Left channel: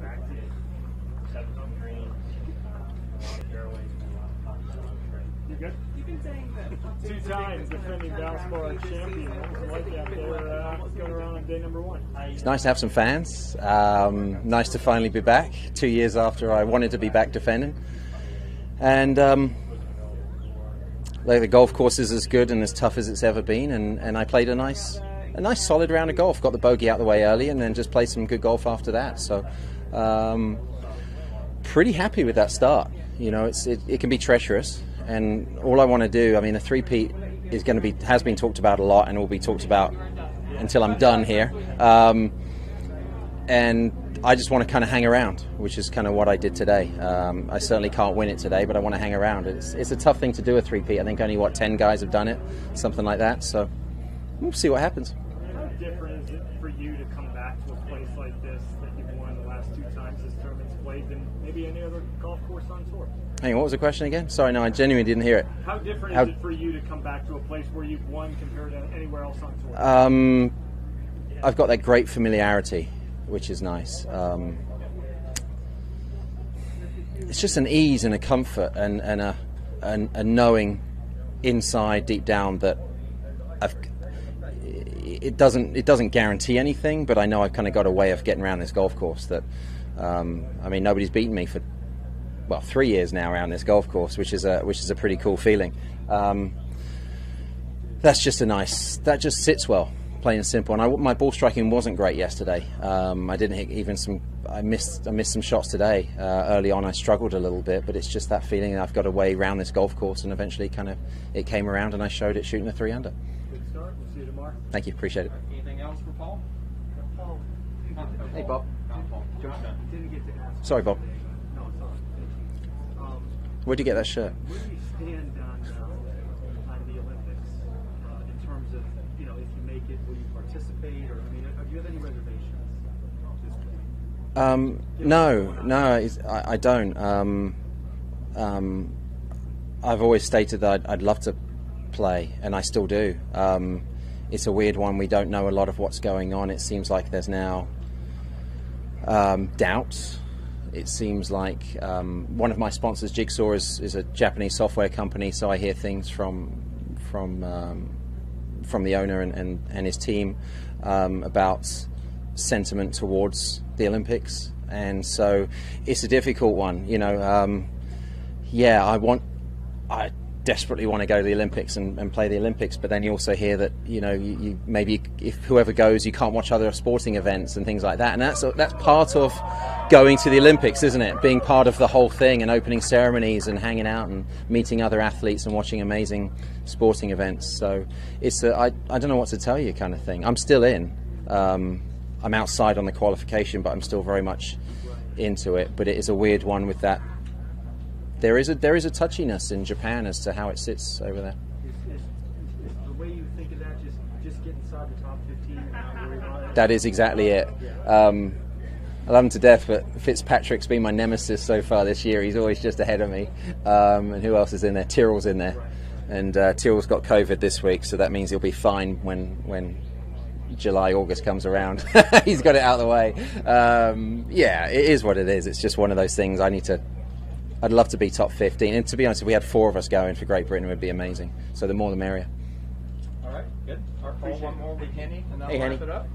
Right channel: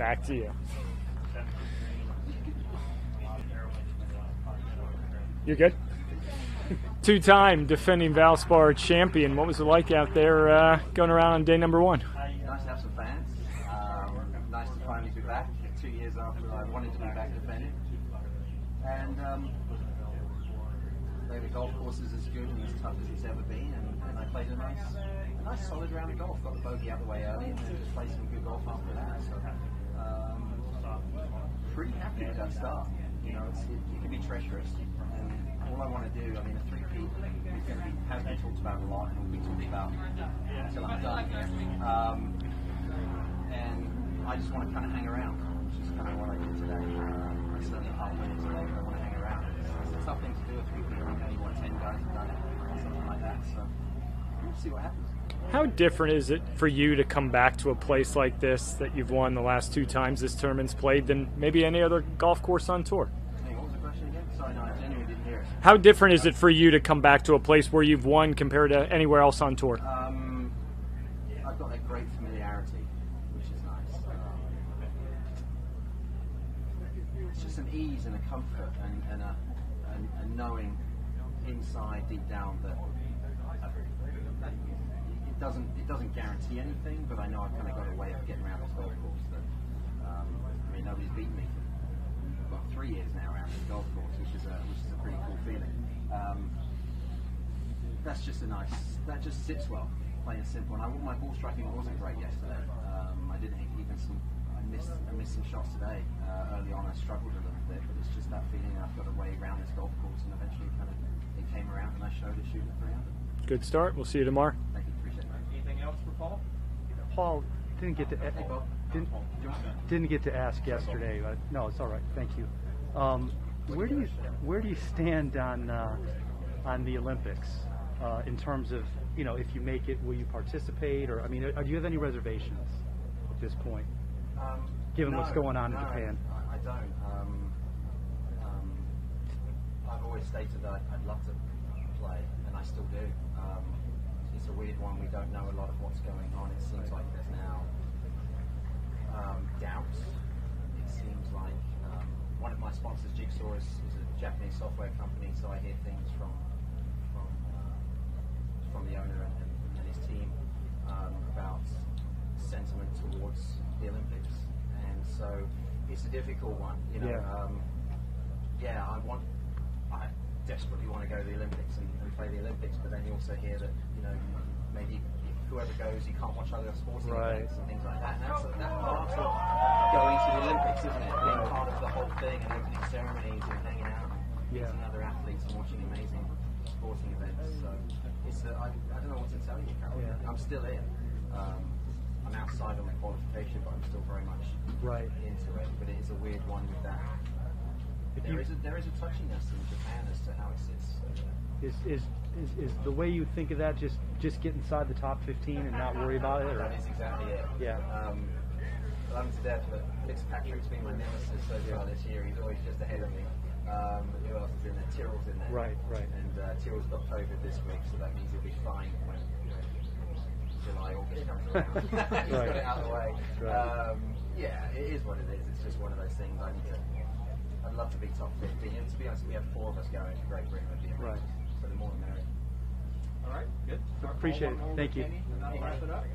Back to you. You're good? Two-time defending Valspar champion. What was it like out there going around on day number one? It's nice to have some fans. Nice to finally be back 2 years after I wanted to be back defending. And the golf course is as good and as tough as it's ever been. And I played a nice solid round of golf. Got the bogey out the way early and then just played some good golf after that. So pretty happy with that start. You know, it can be treacherous. And all I want to do, I mean, a three-peat has been talked about a lot and will be talked about until I'm done here. And I just want to kind of hang around, which is kind of what I did today. I certainly can't win it today, but I want to hang around. It's a tough thing to do, a three-peat. I think only, 10 guys have done it, something like that. So we'll see what happens. How different is it for you to come back to a place like this that you've won the last 2 times this tournament's played than maybe any other golf course on tour? Hang on, what was the question again? Sorry, no, I genuinely didn't hear it. How different is it for you to come back to a place where you've won compared to anywhere else on tour? I've got that great familiarity, which is nice. It's just an ease and a comfort and a knowing inside, deep down, that it doesn't guarantee anything, but I know I've kind of got a way of getting around this golf course that, I mean, nobody's beaten me for 3 years now around this golf course, which is a pretty cool feeling. That just sits well, plain and simple. And my ball striking wasn't great yesterday. I didn't hit even some. I missed some shots today. Early on, I struggled a little bit, but it's just that feeling that I've got a way around this golf course, and eventually, it came around, and I showed it shooting a 3-under. Good start. We'll see you tomorrow. Thank you. Appreciate it. Anything else for Paul? Paul didn't get to. Hey, Bob. Didn't get to ask Sorry, Bob. yesterday. But no, it's all right. Thank you. Where'd you get that shirt? Where do you stand on the Olympics in terms of, you know, if you make it, will you participate, or I mean, do you have any reservations at this point? No, I don't. I've always stated that I'd love to play, and I still do. It's a weird one. We don't know a lot of what's going on. It seems like there's now doubts. It seems like one of my sponsors, Jigsaw, is a Japanese software company, so I hear things from the owner and his team about sentiment towards the Olympics, and so it's a difficult one. You know, I desperately want to go to the Olympics and play the Olympics, but then you also hear that, you know, you maybe if whoever goes, you can't watch other sporting events and things like that, and that's part of going to the Olympics, isn't it? Being part of the whole thing and opening ceremonies and hanging out and meeting other athletes and watching amazing sporting events. So it's I don't know what to tell you kind of thing. I'm still in. I'm outside on the qualification, but I'm still very much into it. But it is a weird one with that. There is a touchiness in Japan as to how it sits over there. Is the way you think of that just get inside the top 15 and not worry about it? That is exactly it. Yeah. I love him to death, but Fitzpatrick's been my nemesis so far this year. He's always just ahead of me. And who else is in there? Tyrrell's in there. Right. And Tyrrell's got COVID this week, so that means he'll be fine when July, August comes around. He's got it out of the way. Yeah, it is what it is. It's just one of those things. I'd love to be top 15. And to be honest, if we had 4 of us going for Great Britain, it would be amazing. So the more the merrier. All right, good. Appreciate it. Thank you. And then Hey, I'll wrap Henny. it up.